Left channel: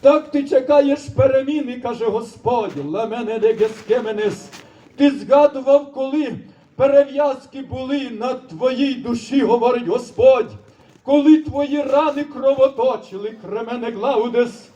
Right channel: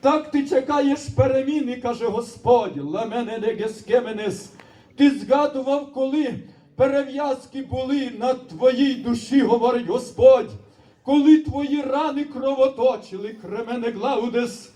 Так ти чекаєш переміни, каже Господь, ламене негескеменес. Ти згадував, коли перев'язки були на твоїй душі, говорить Господь, коли твої рани кровоточили, кремене глаудес.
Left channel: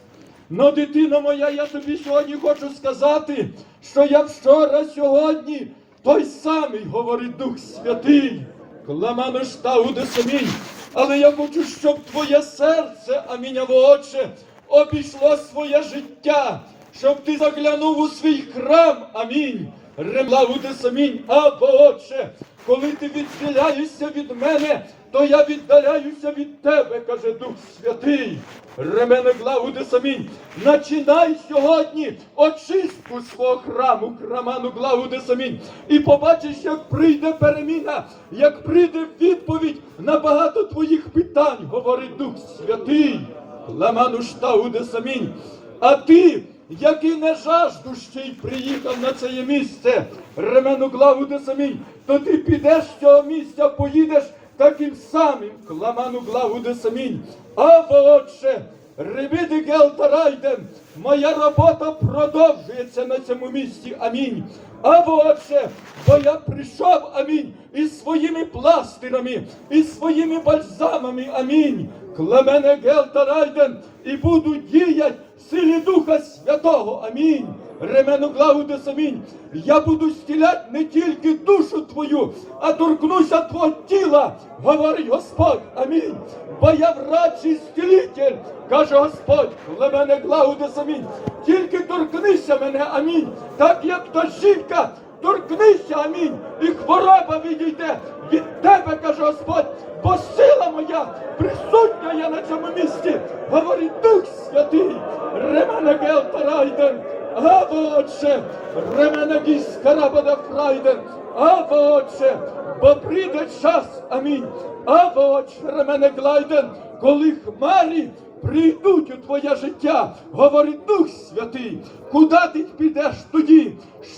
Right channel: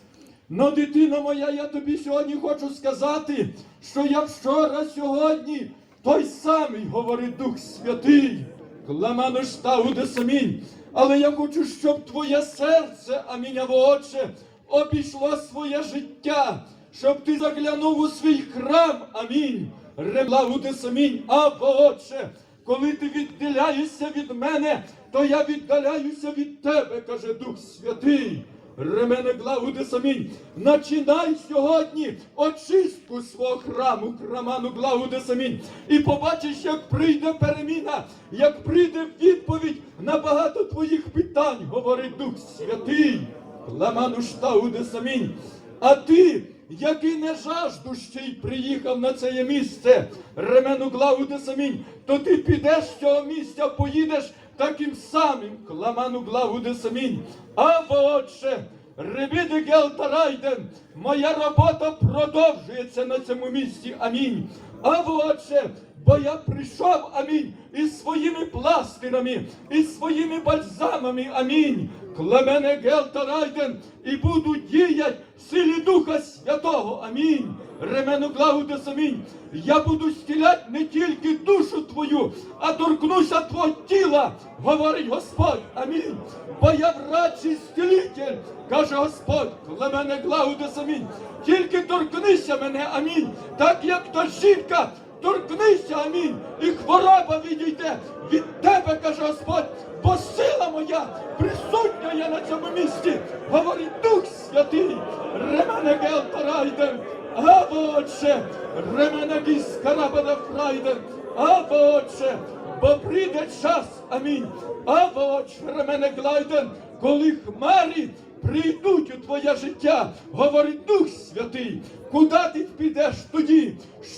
Но, дитино моя, я тобі сьогодні хочу сказати, що я вчора сьогодні той самий, говорить Дух Святий, кламану штауде самінь. Але я хочу, щоб твоє серце, аміняло Отче, обійшло своє життя, щоб ти заглянув у свій храм, амінь. Ремлауде самінь, або Отче, коли ти відділяєшся від мене, то я віддаляюся від тебе, каже Дух Святий. Ремене глауди самінь. Начинай сьогодні очистку свого храму, храману глауди самінь. І побачиш, як прийде переміна, як прийде відповідь на багато твоїх питань, говорить Дух Святий. Ламану штауде самінь. А ти, який не жажду ще й приїхав на це місце, ремену глауде самінь, то ти підеш з цього місця, поїдеш таким самим, кламану глауде самінь. Або отче, ребіди гелтарайден, моя робота продовжується на цьому місці, амінь. Або отче, бо я прийшов, амінь, із своїми пластирами, із своїми бальзамами, амінь. Клемене гелтарайден, і буду діять в силі Духа Святого, амінь. Ремену главу амінь. Я буду стіляти не тільки душу твою, а торкнуся твого тіла, говорить Господь, амінь. Бо я врач і стілитель, каже Господь, клемене главу амінь. Тільки торкнися мене, амінь. Так як та жінка, торкнися, амінь. І хвороба відійде від тебе, каже Господь, бо сила моя присутня я на цьому місці, говорить Дух Святий, Ремене Гелтарайден, Або Отче, Ремене Гіскарабада Фрайден, Або Отче, бо прийде час, амінь, Або Отче, Ремене Глайден, коли хмарі прийдуть у твоє життя, говорить Дух Святий, куди ти підеш тоді?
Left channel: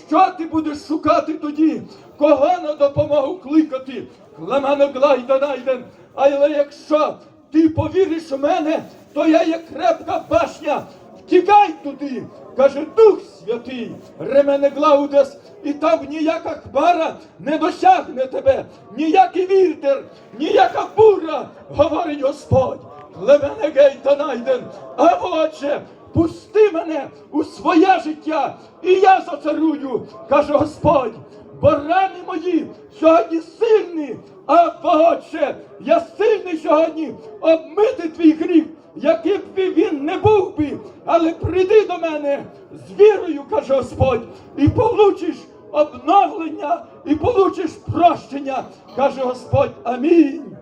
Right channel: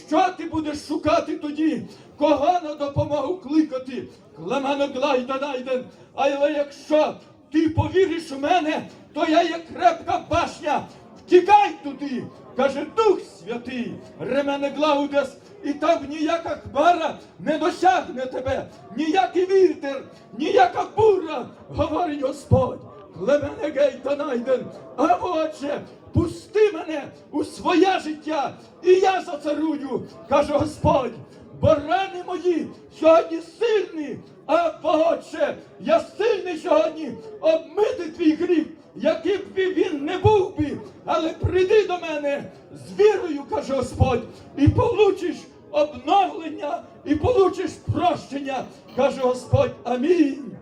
Що ти будеш шукати тоді? Кого на допомогу кликати? Клемено Глайда найден. Але якщо ти повіриш у мене, то я є крепка башня. Втікай туди, каже Дух Святий, Ремене Глаудес, і там ніяка хмара не досягне тебе, ніякий вітер, ніяка буря, говорить Господь. Клемене гейта найден, а отче, пусти мене у своє життя, і я зацарую, каже Господь. Бо рани мої сьогодні сильні, а Отче, я сильний сьогодні обмити твій гріх, яким би він не був би, але прийди до мене з вірою, каже Господь, і получиш обновлення, і получиш прощення, каже Господь. Амінь.